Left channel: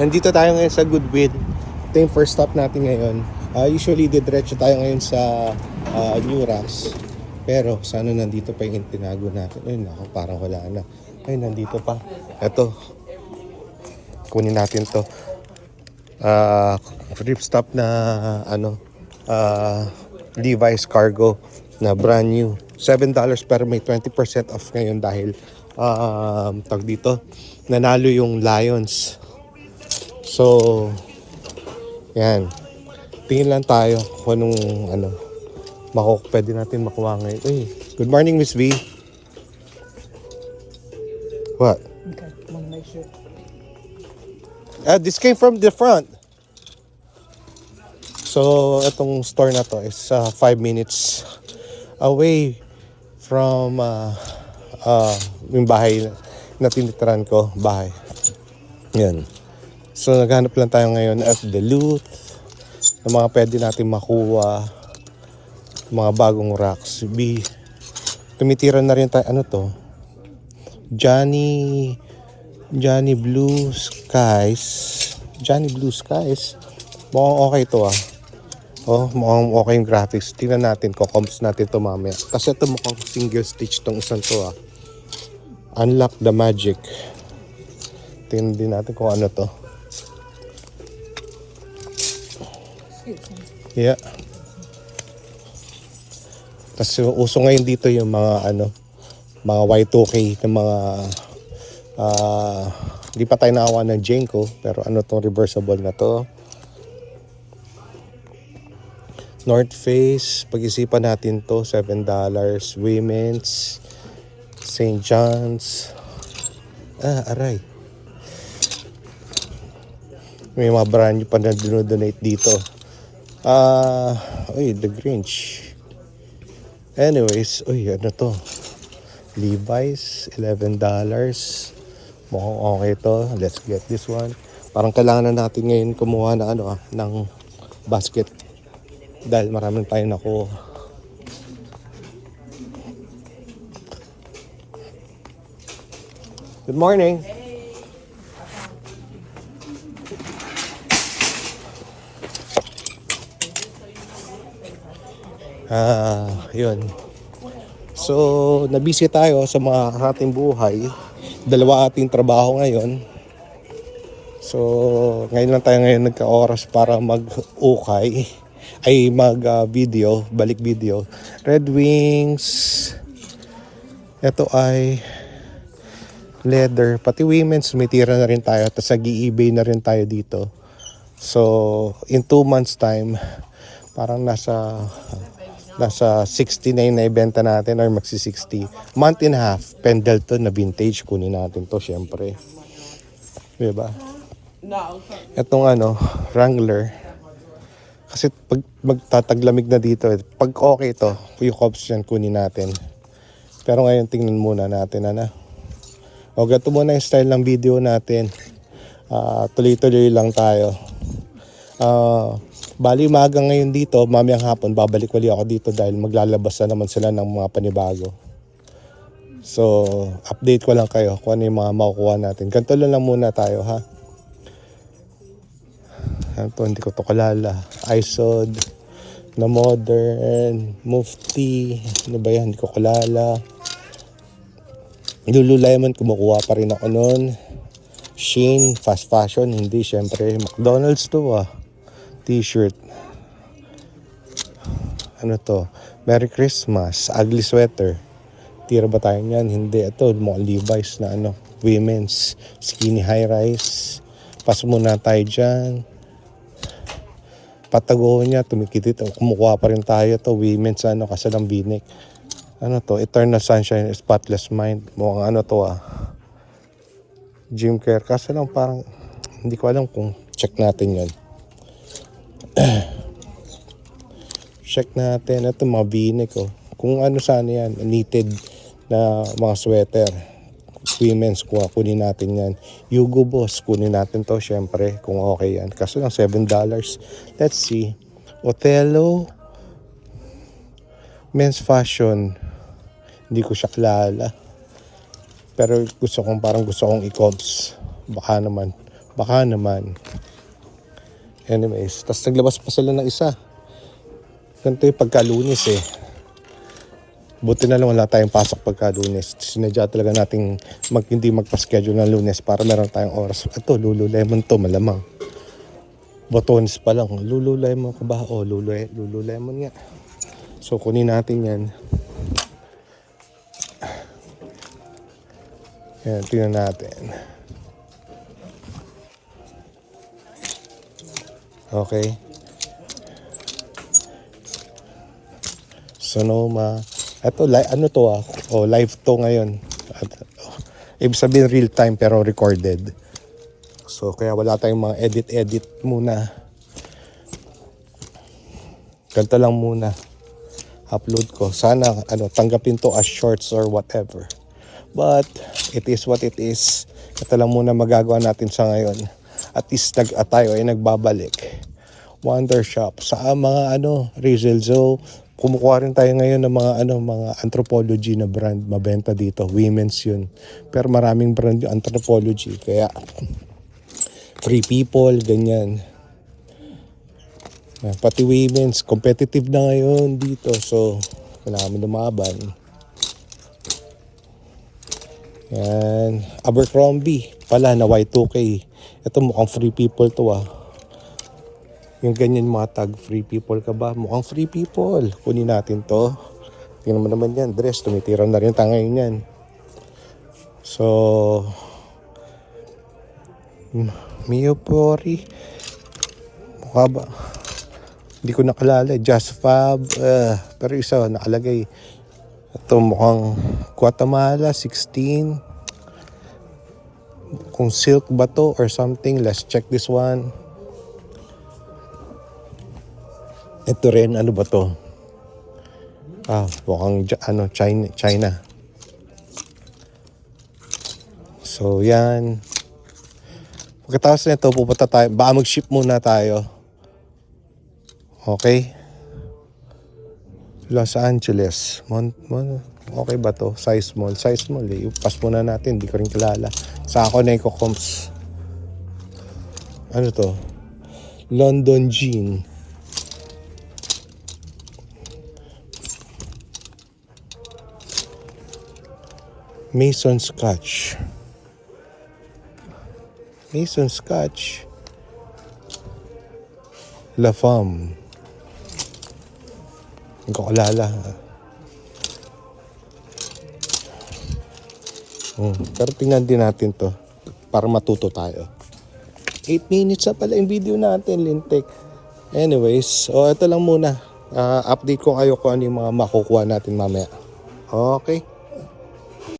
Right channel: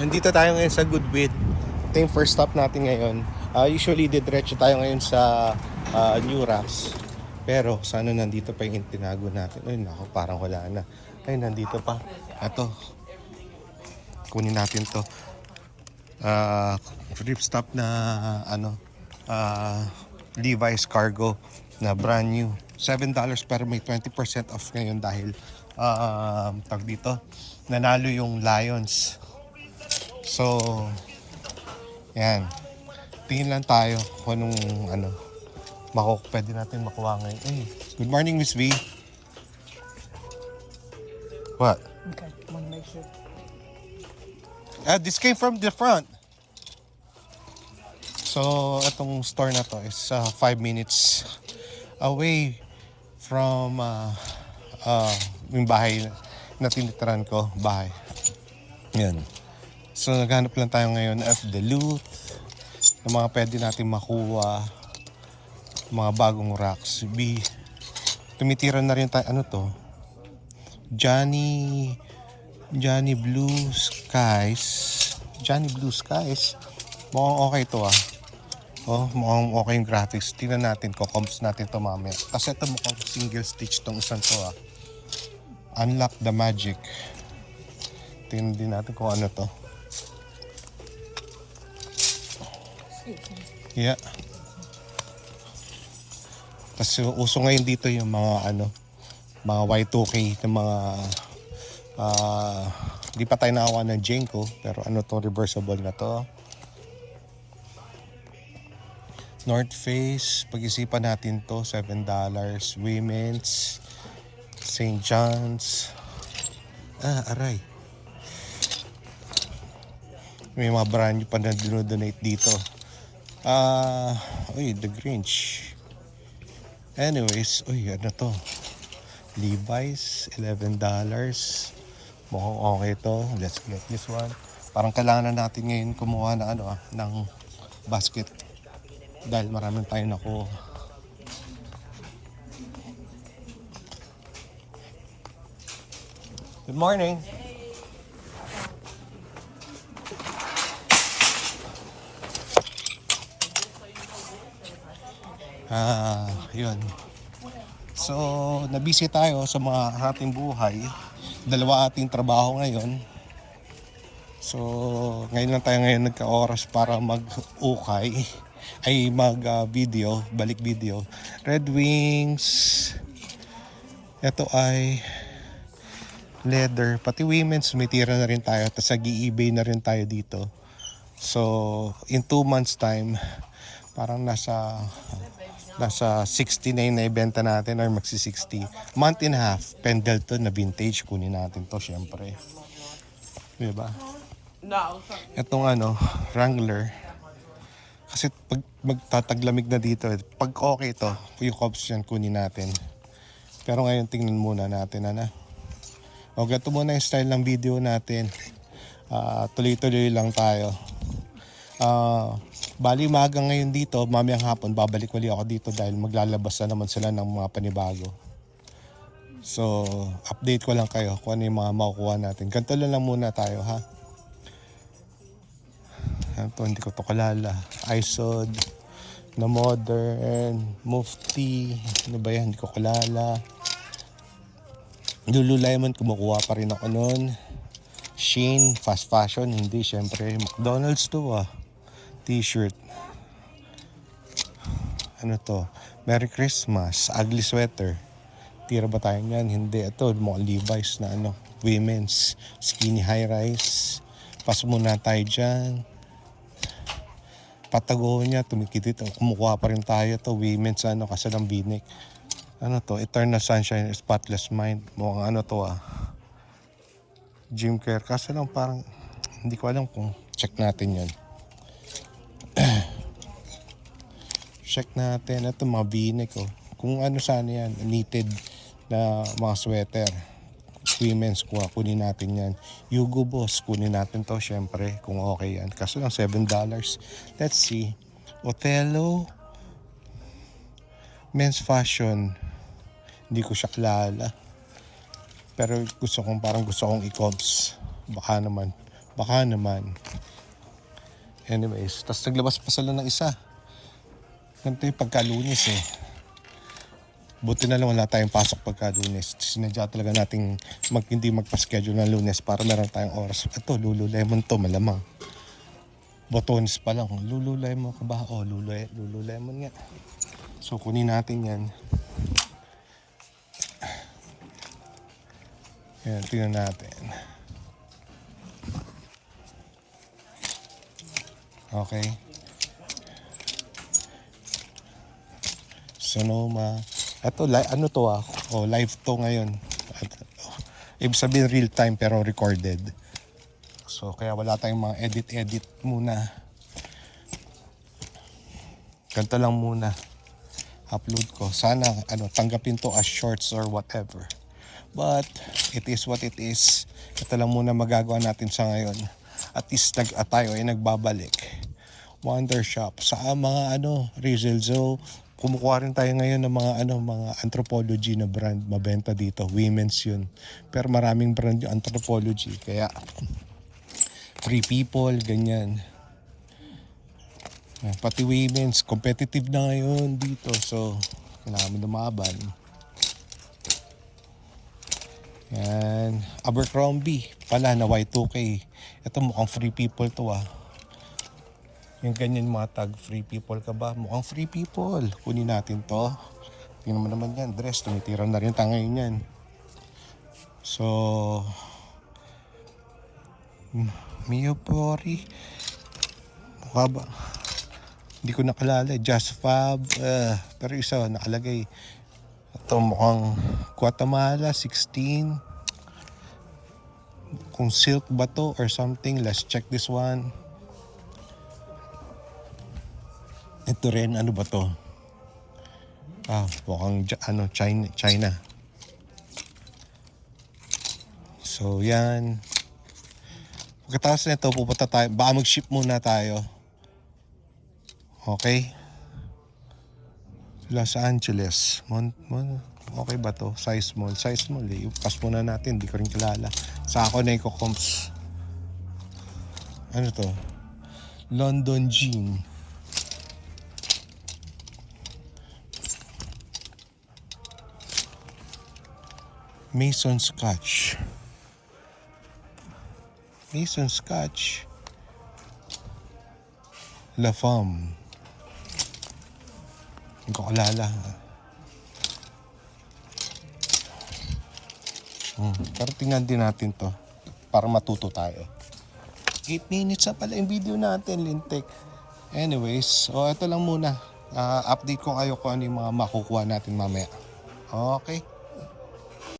Nandito tayo ngayon sa Goodwill. Ito yung first stop natin ngayon. Usually, diretso tayo ngayon sa New Rocks. Pero, sana nandito pa yung tinago natin. Ay, naku, parang wala na. Ay, nandito pa. Ito. Kunin natin to. Trip stop na, Levi's Cargo na brand new. $7 pero may 20% off ngayon dahil, tag dito, nanalo yung Lions. So, yan. Tingin lang tayo kung anong pwede natin makuha ngayon. Hey, good morning, Miss V. What? Okay, want to make sure. This came from the front. So, itong store na to is 5 minutes away from yung bahay na tinitirahan ko. Bahay. Yan. So, naghanap lang tayo ngayon as the loot ng mga pwede natin makuha, mga bagong rocks. Tumitira na rin tayo, ano to? Johnny Blue Skies. Johnny Blue Skies. Mukhang okay to mukhang okay yung graphics. Tingnan natin, comps natin to mamaya. Kasi ito mukhang single stitch tong isang to Unlock the magic. Tingnan din natin kung ano to. Yeah. Kasi uso ngayon dito yung mga mga Y2K ng mga hindi pa tayo nakawa ng Jenko, pero tong reversible na to. North Face, pag-isipan natin to, $7. Women's, St. John's. Aray. May mga brand new pa na dinodonate dito. The Grinch. Anyways, ano to? Levi's, $11. Mukhang okay to. Let's get this one. Parang kailangan na natin ngayon kumuha na ng basket. Dahil maraming tayo nakuha. Good morning. Yun. So, nabisi tayo sa mga ating buhay. Dalawa ating trabaho ngayon. So, ngayon lang tayo nagka-oras para mag-ukay. Ay, mag-video, balik video. Red Wings. Ito ay leather. Pati women's, may tira na rin tayo. Tapos nag-i-eBay na rin tayo dito. So, in 2 months time, parang nasa 69 na ibenta natin or magsi 60. Month and a half, Pendleton na vintage, kunin natin to syempre. Diba? Itong Wrangler. Kasi pag magtataglamig na dito, pag okay to, yung cops yan kunin natin. Pero ngayon tingnan muna natin O gato muna yung style ng video natin. Tuloy-tuloy lang tayo. Bali umaga ngayon dito, mamayang hapon babalik wali ako dito dahil maglalabas na naman sila ng mga panibago. So, update ko lang kayo kung ano yung mga makukuha natin. Ganito lang muna tayo Ito, hindi ko to kalala. ISOD, na modern, Mufti, ano ba yan? Hindi ko kalala. Lululemon, kumukuha pa rin ako nun. Shein, fast fashion, hindi syempre. McDonald's to T-shirt. Ano to? Merry Christmas. Ugly sweater. Tira ba tayo niyan? Hindi. Ito, mga Levi's na women's. Skinny high rise. Pas muna tayo dyan. Patagonia, tumikitit. Kumukuha pa rin tayo to. Women's kasalang binik. Ano to? Eternal Sunshine, Spotless Mind. Mukhang to Gym Care. Kaso lang parang hindi ko alam kung check natin yan. Check natin. Ito mga binik Kung sana yan. Knitted na mga sweater. Women's kunin natin yan. Hugo Boss kunin natin to syempre kung okay yan. Kaso lang $7. Let's see. Othello men's fashion. Hindi ko siya kilala. Pero gusto kong i-comps. Baka naman Baka naman. Anyways, tas naglabas pa sila ng isa. Ganito yung pagka-Lunes eh. Buti na lang wala tayong pasok pagka-Lunes. Sinadya talaga nating hindi magpa-schedule ng Lunes para meron tayong oras. Ito, Lululemon to, malamang. Botones pa lang. Lululemon ka ba? Oh, Lululemon nga. So, kunin natin yan. Yan, tingnan natin. Okay. Sonoma. Ito, ano to live to ngayon. Ibig sabihin real time pero recorded. So, kaya wala tayong mga edit muna. Ganito lang muna. Upload ko. Sana, tanggapin to as shorts or whatever. But, it is what it is. Ito lang muna magagawa natin sa ngayon. At least tayo ay nagbabalik. Wonder Shop. Sa mga Rizal Zoo. Kumukuha rin tayo ngayon ng mga anthropology na brand mabenta dito. Women's yun. Pero maraming brand yung anthropology. Kaya, Free People, ganyan. Pati women's, competitive na ngayon dito. So, kailangan kami lumaban. Yan. Abercrombie pala na Y2K. Ito mukhang Free People to Yung ganyan mga tag, Free People ka ba? Mukhang Free People. Kunin natin to. Tingnan mo naman yan. Dress, tumitira na rin tayo ngayon yan. So, Miyopori. Mukha ba? Hindi ko nakalala. Just Fab. Pero isa, nakalagay. Ito mukhang Guatemala, 16. Kung silk ba to or something. Let's check this one. Ito rin, ano ba to? Mukhang China. So, yan. Pagkatapos nito, pupunta tayo. Baka mag-ship muna tayo. Okay? Los Angeles. Okay ba to? Size small. Size small eh. Pass muna natin. Hindi ko rin kilala. Sa ako na Combs. Ano to? London Jean. Mason Scotch. La Femme. Hindi ko kalala. Pero tingnan din natin to para matuto tayo. 8 minutes na pala yung video natin, lintik. Anyways, ito lang muna. Update ko kayo kung ano yung mga makukuha natin mamaya. Okay.